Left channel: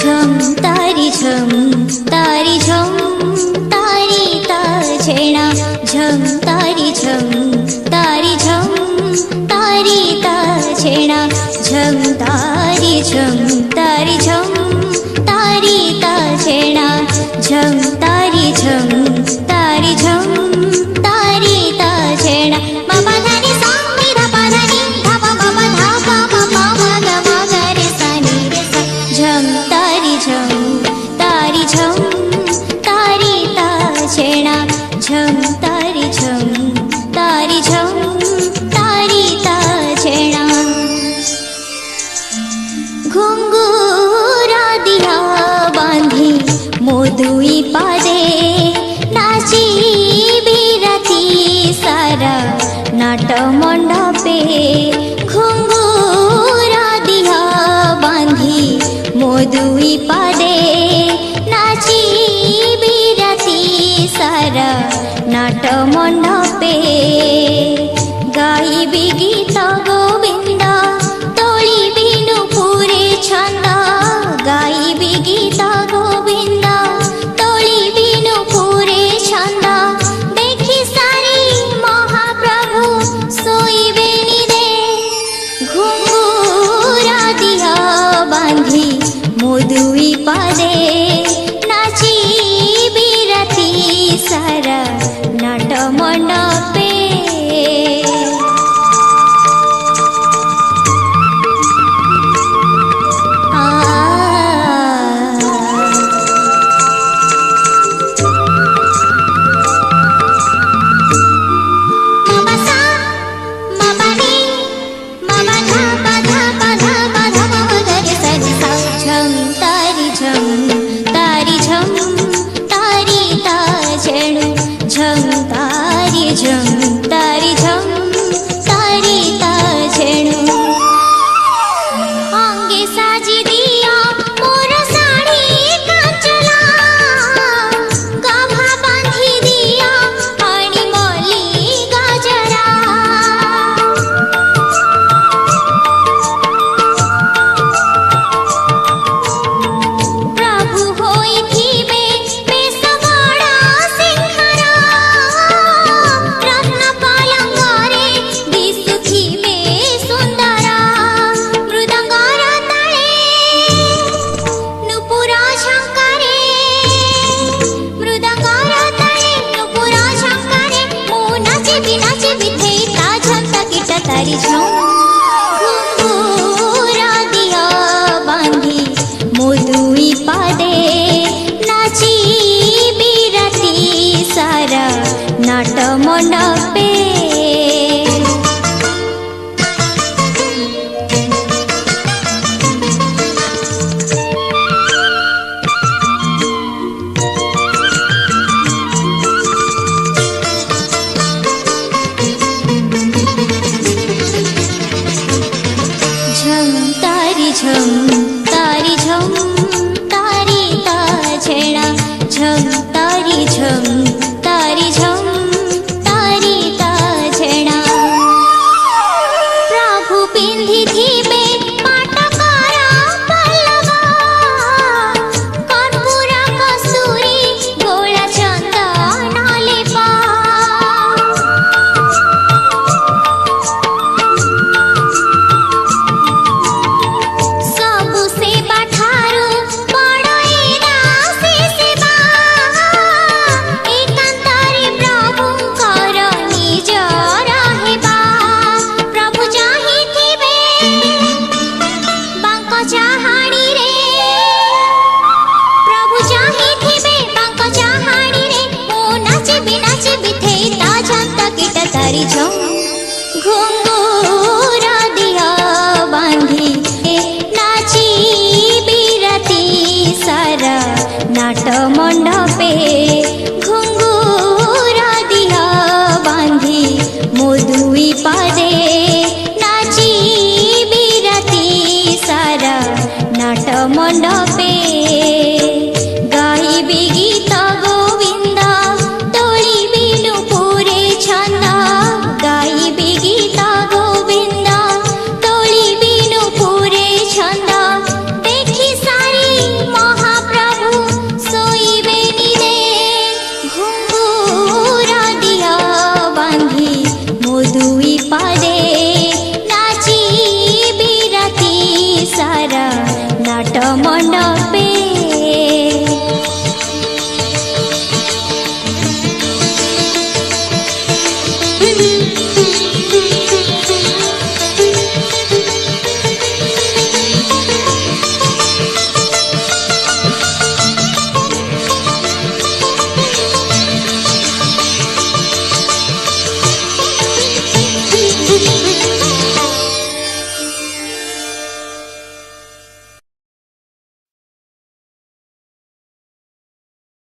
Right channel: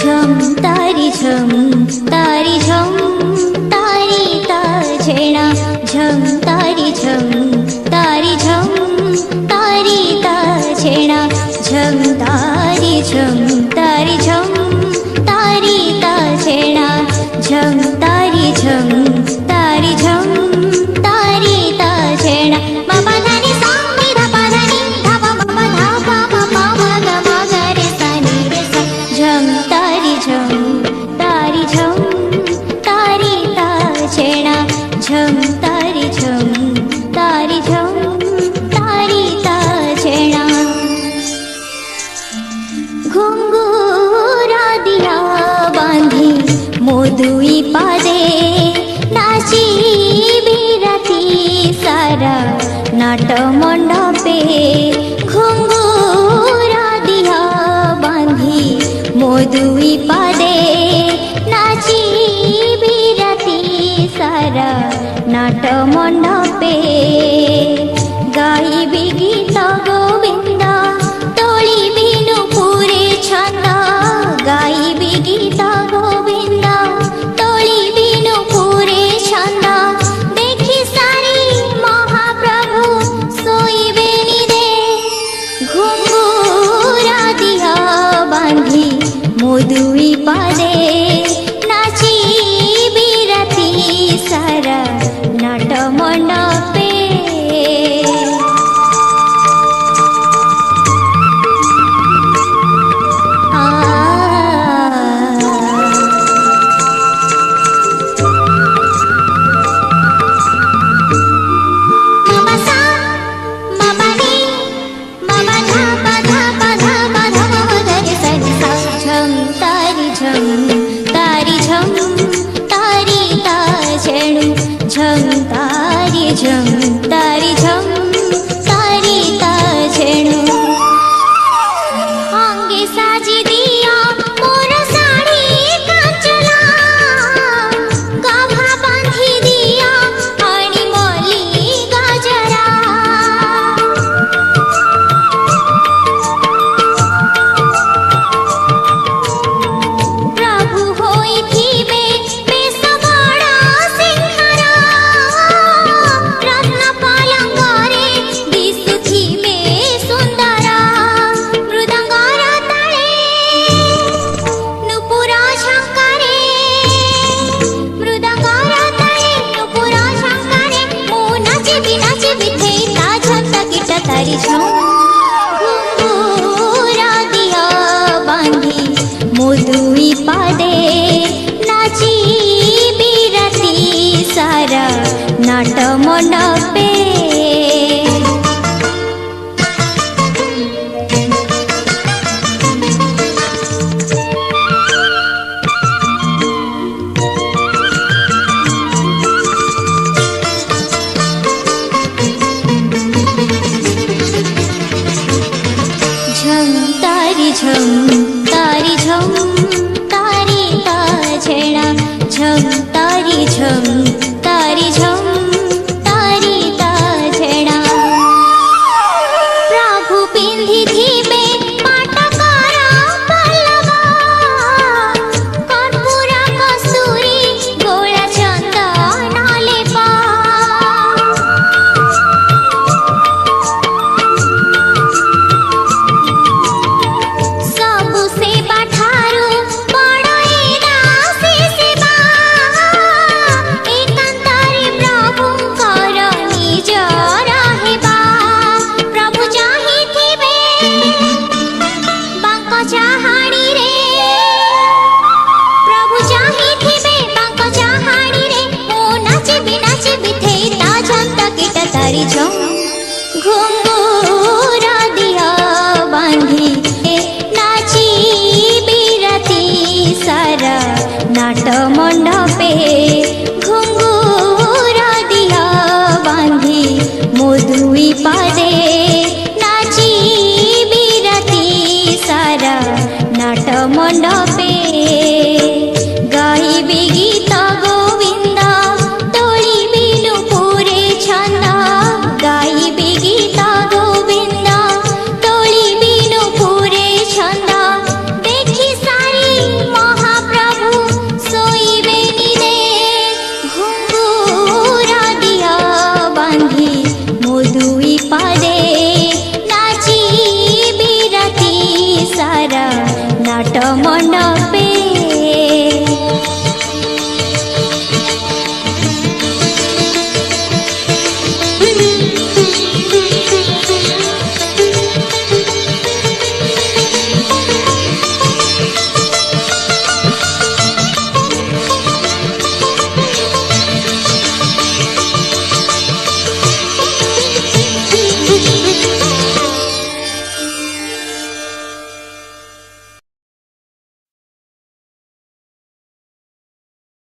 झम तारी झम तारी झम तारी ताजेणा झम तारी झम तारी झम तारी ताजेणा झम तारी झम तारी झम तारी ताजेणा झम तारी झम तारी झम तारी ताजेणा मामा धानी सा धा पा धानी धा पा मामा धा पा मा पा मा गा मा गा रे सा नी रे सा झम तारी झम तारी झम तारी ताजेणा झम तारी झम तारी झम तारी ताजेणा घुंगुरा दिया बांधी मोदुई पादे नाची बिराती सारा नाट मंडपे घुंगुरा दिया बांधी मोदुई पादे नाची बिराती सारा नाट मंडपे गाइबी गीत गोविंद तोली बिनु पुरे छंद गाइबी गीत गोविंद तोली बिनु पुरे छंद देखी सारी महाप्रभु सोईबे रे घुंगुरा दिया बांधी मोदुई पादे नाची बिराती सारा नाट मंडपे घुंगुरा दिया बांधी मोदुई पादे नाची बिराती सारा नाट मंडपे झम तारी झम तारी झम तारी ताजेणा झम तारी झम तारी झम तारी ताजेणा प्रभु पिंधी थीबे पाटकारा पल्लवा कर्पूरा कस्तूरी गोला चंदन लेपा सबु सेवा ठारू बड़ई दासी सेवा एकांतरे प्रभुंकर निज रहिबा प्रभु चाहिथिबे बांक चाहाणी रे प्रभु चाहिथिबे बांक चाहाणी रे मो नाचिबी थेई ता झंत गीत तारी झम घुंगुरा दिया बांधी नाची बिराती सारा नाट मंडपे घुंगुरा रे